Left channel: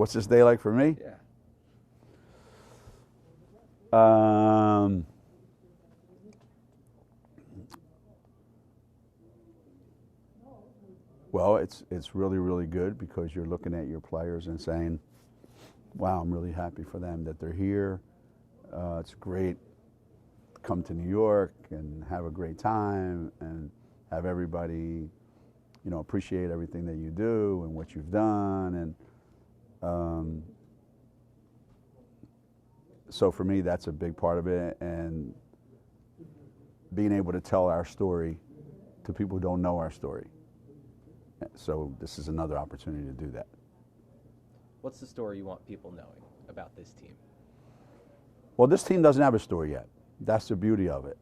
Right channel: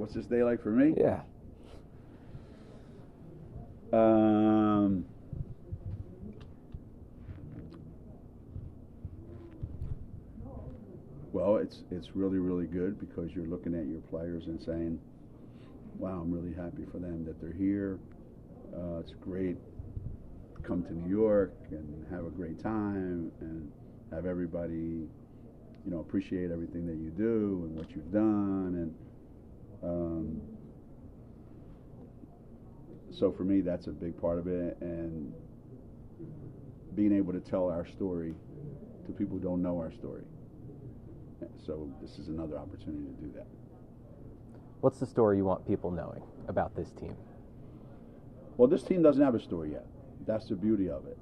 What's this day like for me? Yeah. Well, it's really, really good because you're looking at your players and saying, wow, I'm really happy for them that they're here. It's great to come to New York and have a great time and have everybody, you know, appreciate everything that you do and what you've done. And so for me, that's a big part of it. And being able to tell our story to people who don't know our story. So this is another opportunity to do that. What's the story you want people knowing about this team? Well, this team doesn't have a story yet. That's the beauty of it.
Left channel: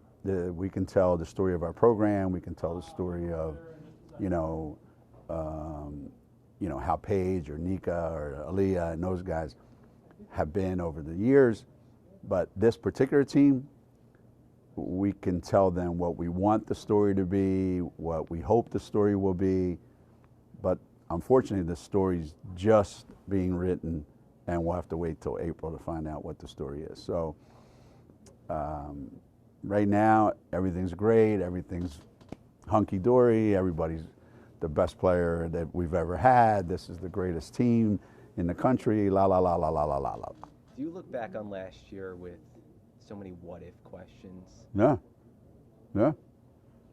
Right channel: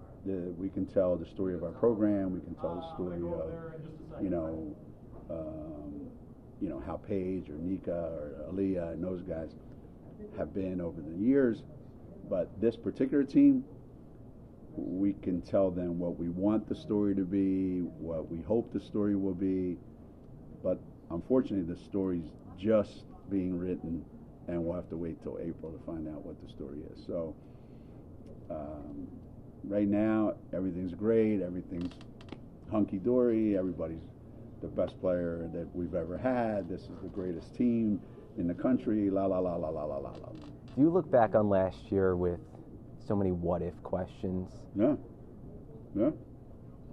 We can tell the story of our program. We can tell the story of, how Paige or Nika or Aaliyah and those guys have been over the years. But this particular team, we can tell them what we want the story to be, what we hope the story will be. But unfortunately, the story's just being written, and we'll have to wait till April to find out what the story is. So right now, everything's great. Everything's hunky-dory. Everybody's the best player that we've ever had. This is the greatest team in the country. La, la, la, la, la, la, la, la. Do you look back on last year with so many what-if questions? Yeah. Yeah.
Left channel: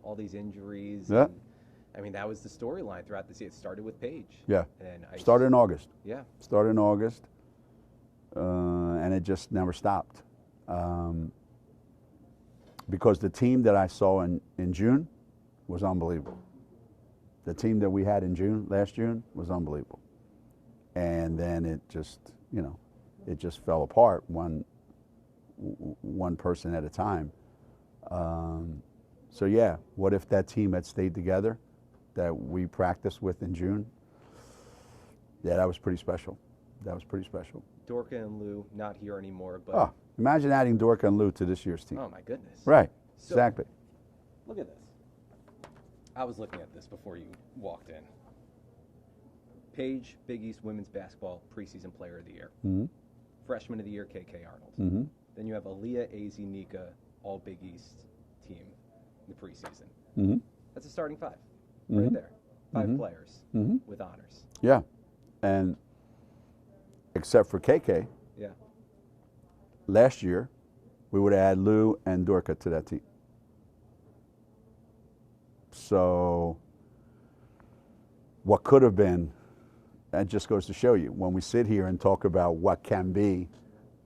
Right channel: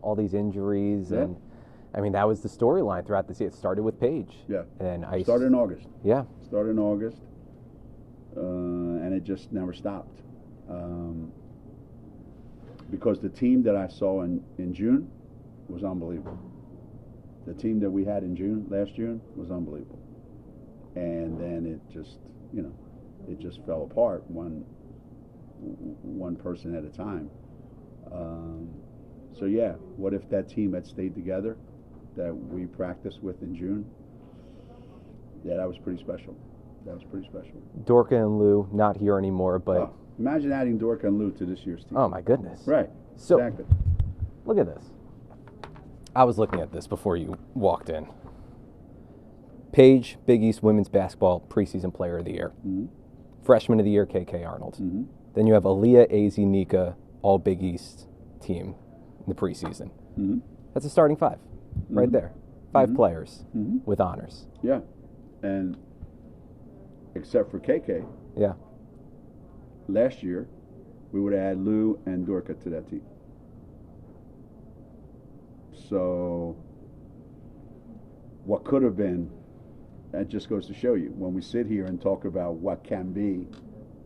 All these injuries. Yeah. And I mean, that was the storyline throughout the season. It started with Paige. Yeah. And started in August. Yeah. Started in August. And it just never stopped. Because the team that I saw in June was unbelievable. The team that we had in last June, was unbelievable. And then it just, it just fell apart one person at a time. So yeah, what if that team had stayed together that we practiced with in June? Yeah, that was pretty special. That was pretty special. Dorka and Lou not here anymore, but imagine adding Dorka and Lou to this year's team. Oh my goodness. Right. So, exactly. Look at this. I was looking at this before you walked in. Paige, Big East Women's Basketball Preseason Player of the Year. Mm-hmm. Freshman of the Year, KK Arnold. Mm-hmm. Then you have Aaliyah, AZ, Nika, all Big East team in the preseason. Mm-hmm. That's a starting five right there. 5 Mm-hmm. players Mm-hmm. with honors. Yeah. And except for KK, Yeah. last year, we would add Lou and Dorka to that team. So what could have been, that just goes to show you, when we sit here and talk about what can be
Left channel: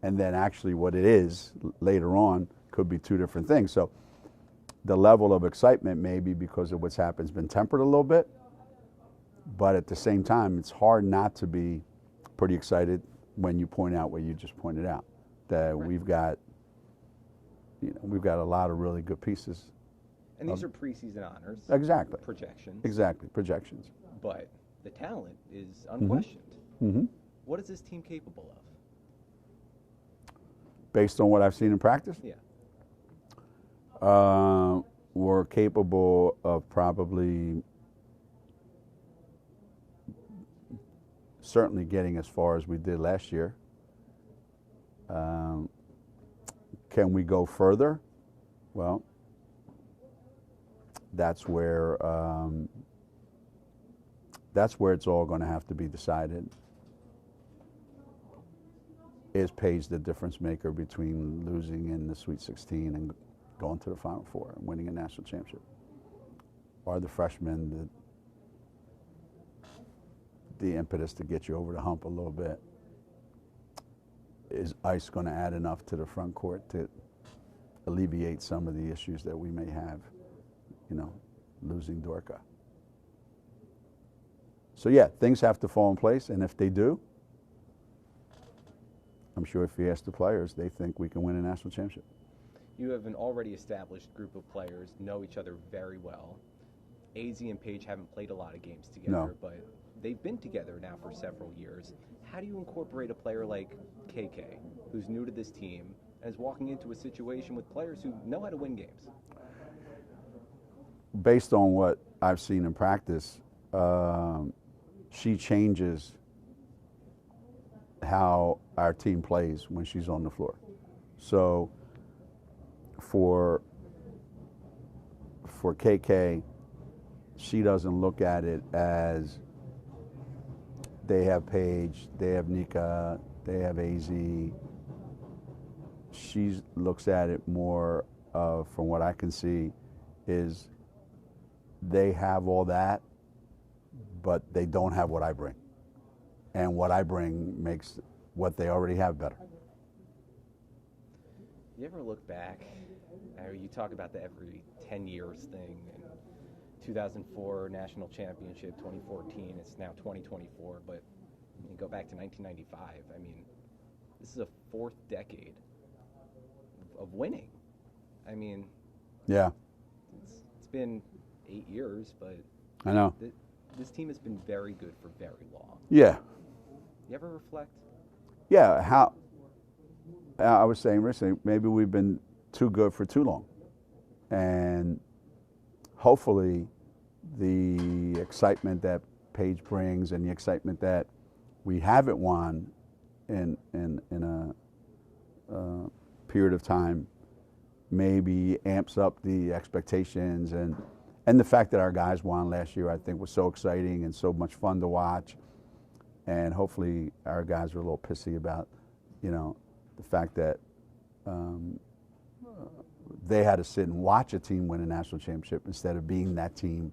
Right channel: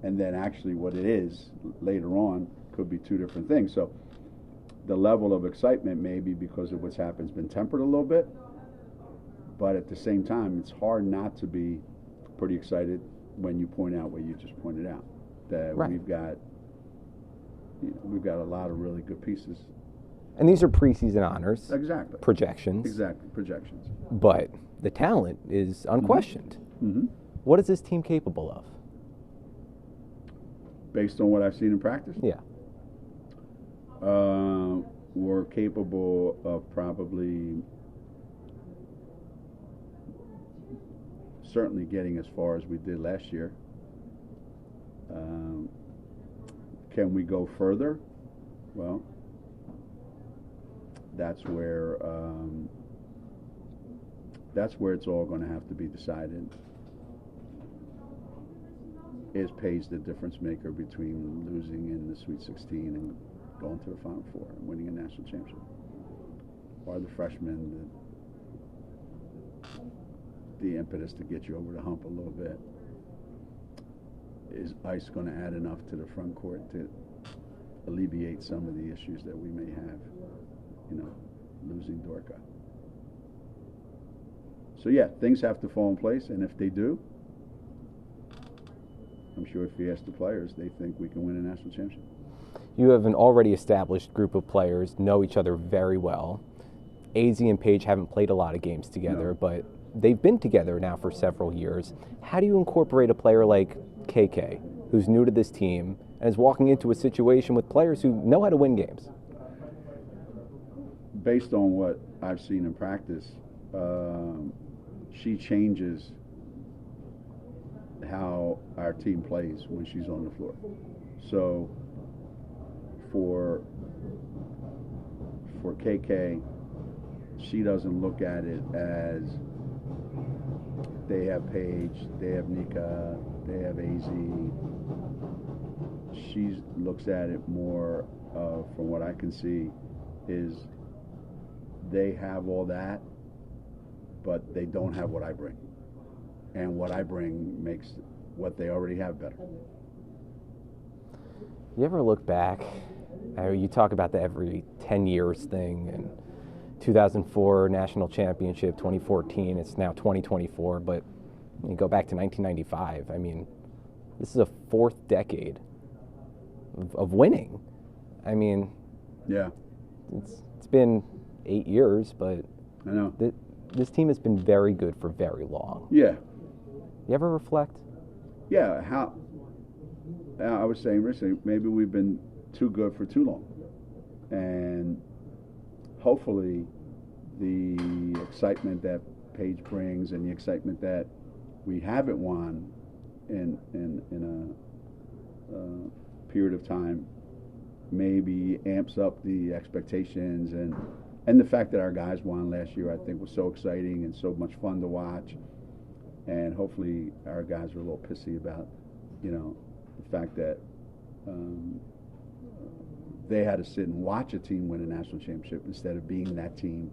and then actually what it is later on could be two different things. So the level of excitement maybe because of what's happened has been tempered a little bit, but at the same time, it's hard not to be pretty excited when you point out what you just pointed out, that Right. we've got a lot of really good pieces. And these are preseason honors. Exactly. Projections. Exactly. Projections. But the talent is unquestioned. Mm-hmm. What is this team capable of? Based on what I've seen in practice? Yeah. We're capable of probably certainly getting as far as we did last year. Can we go further? Well, that's where it's all going to have to be decided. Is Paige the difference maker between losing in the Sweet 16 and going to the Final Four and winning a national championship? Are the freshmen the impetus to get you over the hump a little bit? Is ice going to add enough to the front court to alleviate some of the issues that we may have, losing Dorka? So yeah, things have to fall in place, and if they do, I'm sure if you ask the players, they think we can win a national championship. You have an already established group of players, know each other very well. AZ and Paige haven't played a lot of games together, but they've been together now for several years. How do you incorporate a player like KK, who's new to this team, and is walking into a situation with players who know how to win games? Based on what I've seen in practice, she changes how our team plays when she's on the floor. So for KK, she doesn't look at it as they have Paige, they have Nika, they have AZ. She looks at it more of, from what I can see, is they have all that, but they don't have what I bring. And what I bring makes what they already have better. You ever look back, you talk about the every 10 years thing, and 2004 national championship, 2014, it's now 2024, but you go back to 1995, I mean, this is a fourth decade of winning. I mean, yeah, it's been 8 years, but I know this team has been very good for very long. Yeah. You ever reflect? Yeah, how I was saying recently, maybe we've been too good for too long. And hopefully the excitement that Paige brings and the excitement that we haven't won in a period of time maybe amps up the expectations, and the fact that our guys won last year I think was so exciting and so much fun to watch. And hopefully our guys are a little pissy about, the fact that they had to sit and watch a team win a national championship instead of being that team.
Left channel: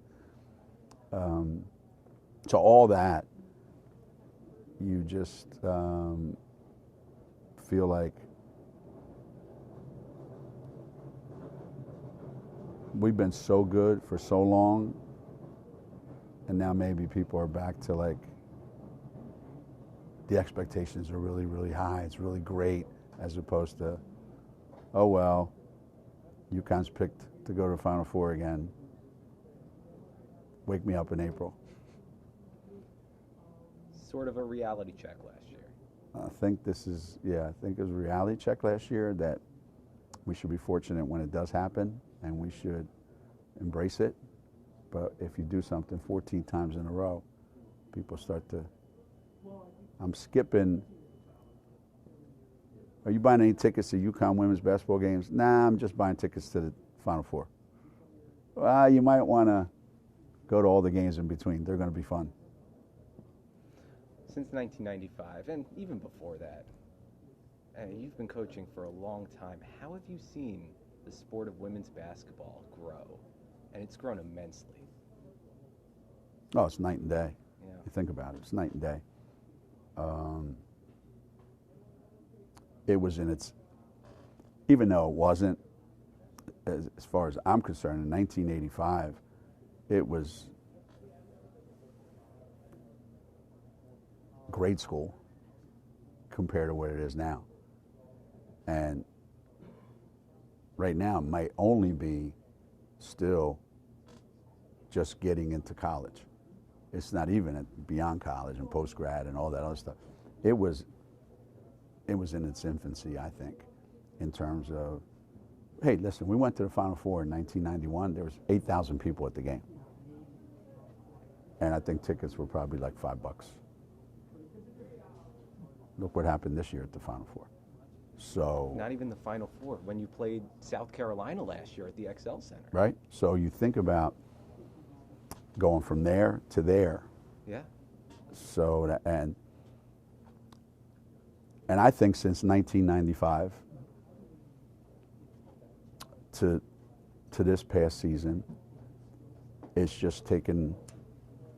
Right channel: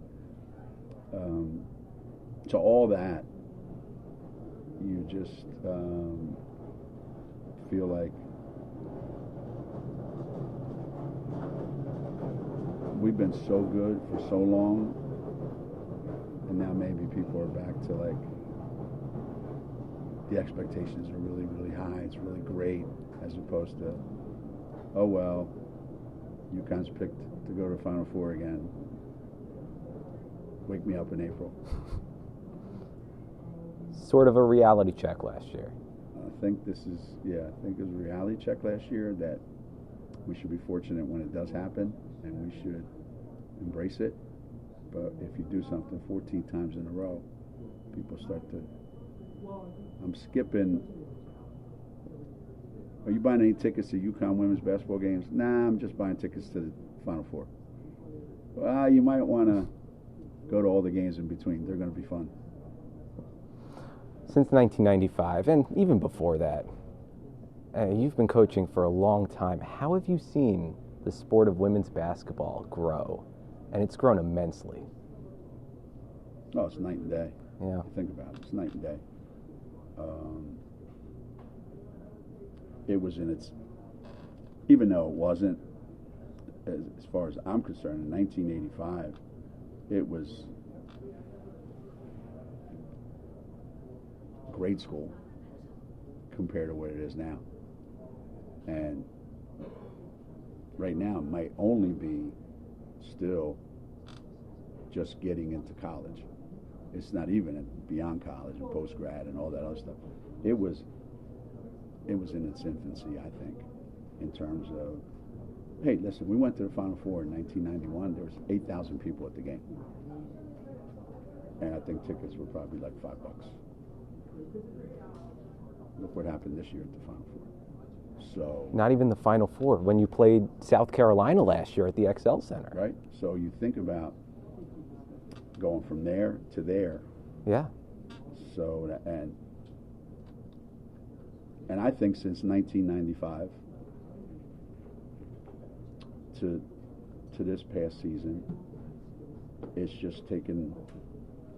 So all that, you just feel like we've been so good for so long, and now maybe people are back to like, the expectations are really, really high. It's really great, as opposed to, oh well, UConn's picked to go to Final Four again. Wake me up in April. Sort of a reality check last year. I think it was a reality check last year that we should be fortunate when it does happen, and we should embrace it. But if you do something 14 times in a row, people start to, I'm skipping. Are you buying any tickets to UConn women's basketball games? Nah, I'm just buying tickets to the Final Four. Well, you might want to go to all the games in between. They're going to be fun. Since 1995, and even before that, you've been coaching for a long time. How have you seen the sport of women's basketball grow? And it's grown immensely. Oh, it's night and day. Yeah. Think about it. It's night and day. It was in its, even though it wasn't, as far as I'm concerned, in 1985, it was grade school compared to what it is now. And right now it might only be still just getting into college. It's not even beyond college and post-grad and all that other stuff. It was in its infancy, I think, in terms of, hey, listen, we went to the Final Four in 1991. There was 8,000 people at the game. And I think tickets were probably like $5. Look what happened this year at the Final Four. So not even the Final Four, when you played South Carolina last year at the XL Center. Right? So you think about going from there to there. Yeah. So, and I think since 1995 to this past season, it's just taken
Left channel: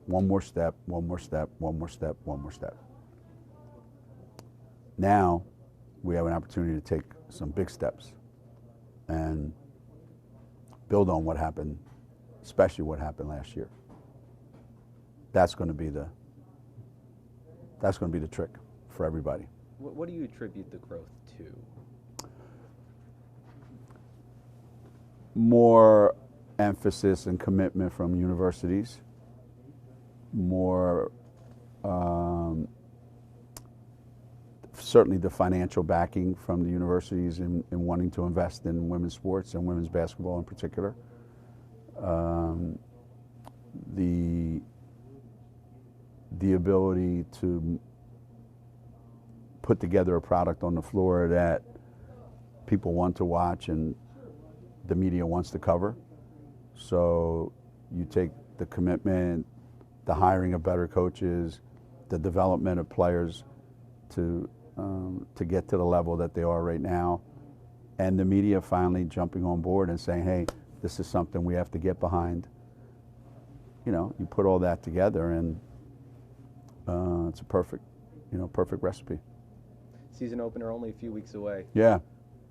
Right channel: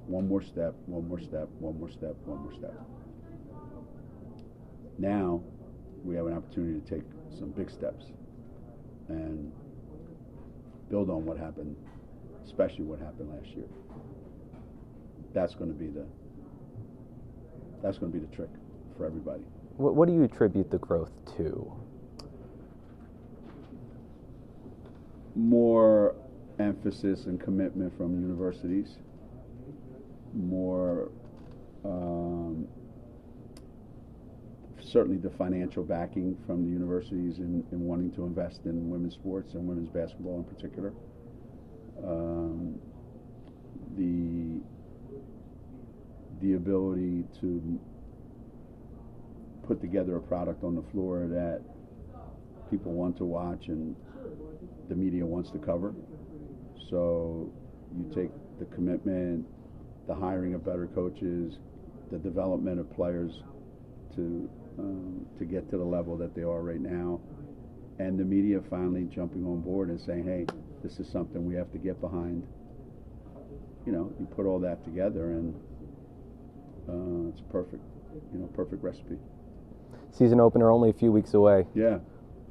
one more step, one more step, one more step, one more step. Now we have an opportunity to take some big steps and build on what happened, especially what happened last year. That's going to be the trick for everybody. What do you attribute the growth to? More emphasis and commitment from universities, more certainly the financial backing from the universities in wanting to invest in women's sports and women's basketball in particular. The ability to put together a product on the floor that people want to watch and the media wants to cover. So you take the commitment, the hiring of better coaches, the development of players to get to the level that they are right now, and the media finally jumping on board and saying, hey, this is something we have to get behind. You know, you put all that together and it's a perfect recipe. Season opener only a few weeks away. Yeah.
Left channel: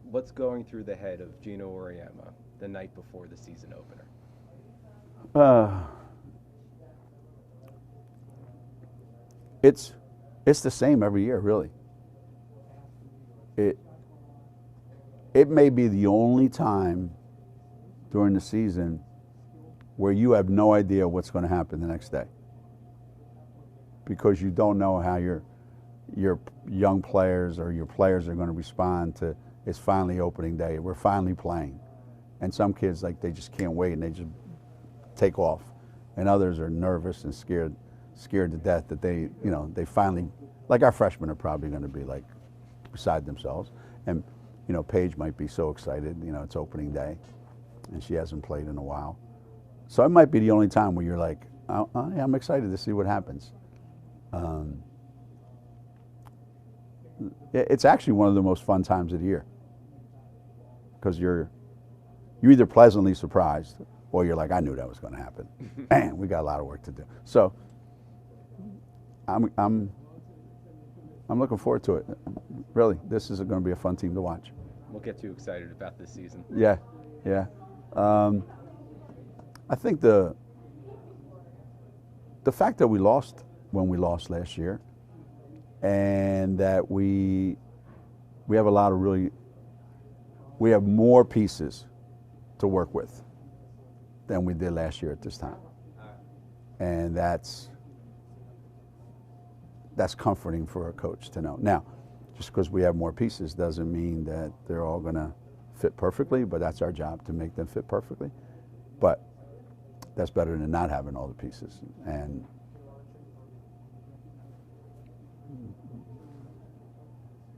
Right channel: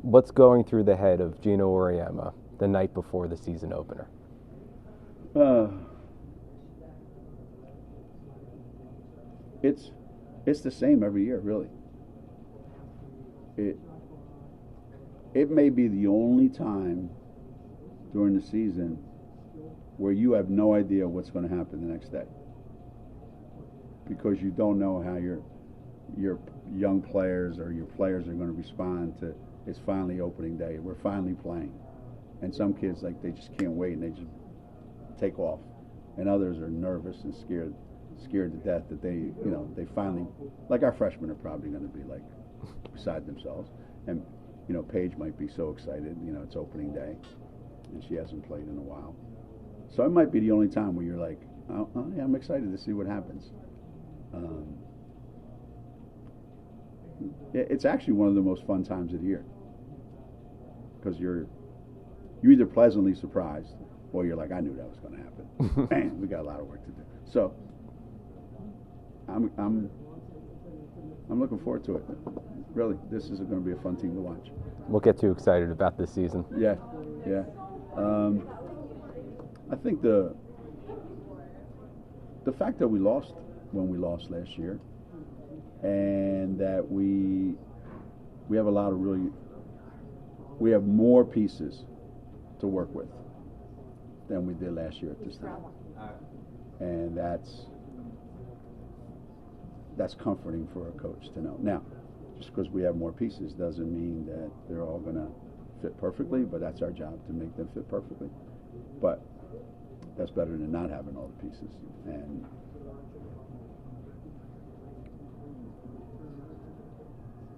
What's going through the head of Geno Auriemma the night before the season opener? It's the same every year, really. It may be the only time during the season where you have no idea what's going to happen the next day, because you don't know how your young players or your players are going to respond to it's finally opening day. We're finally playing. And some kids, like, they just can't wait and they just take off. And others are nervous and scared to death that they finally, like our freshmen are probably going to be like beside themselves. And, Paige might be so excited, it's opening day and she hasn't played in a while. So it might be the only time where you're like, yeah, I'm excited to see what happens. It's actually one of the most fun times of the year, because you're either pleasantly surprised or you're like, I knew that was going to happen. Man, we got a lot of work to do. So I'm looking forward to it. Really, this is going to be a fun team to watch. We'll get too excited about this season. Yeah. I think the fact that we lost when we lost last year, and that we have a lot of we have more pieces to work with than we did last year at this time, and that's comforting for a coach to know. Now, just because we have more pieces doesn't mean that they're all going to fit perfectly, but that's our job to make them fit perfectly. But that's better than not having all the pieces. And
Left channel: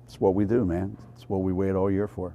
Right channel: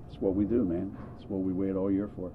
it's what we do, man. It's what we wait all year for.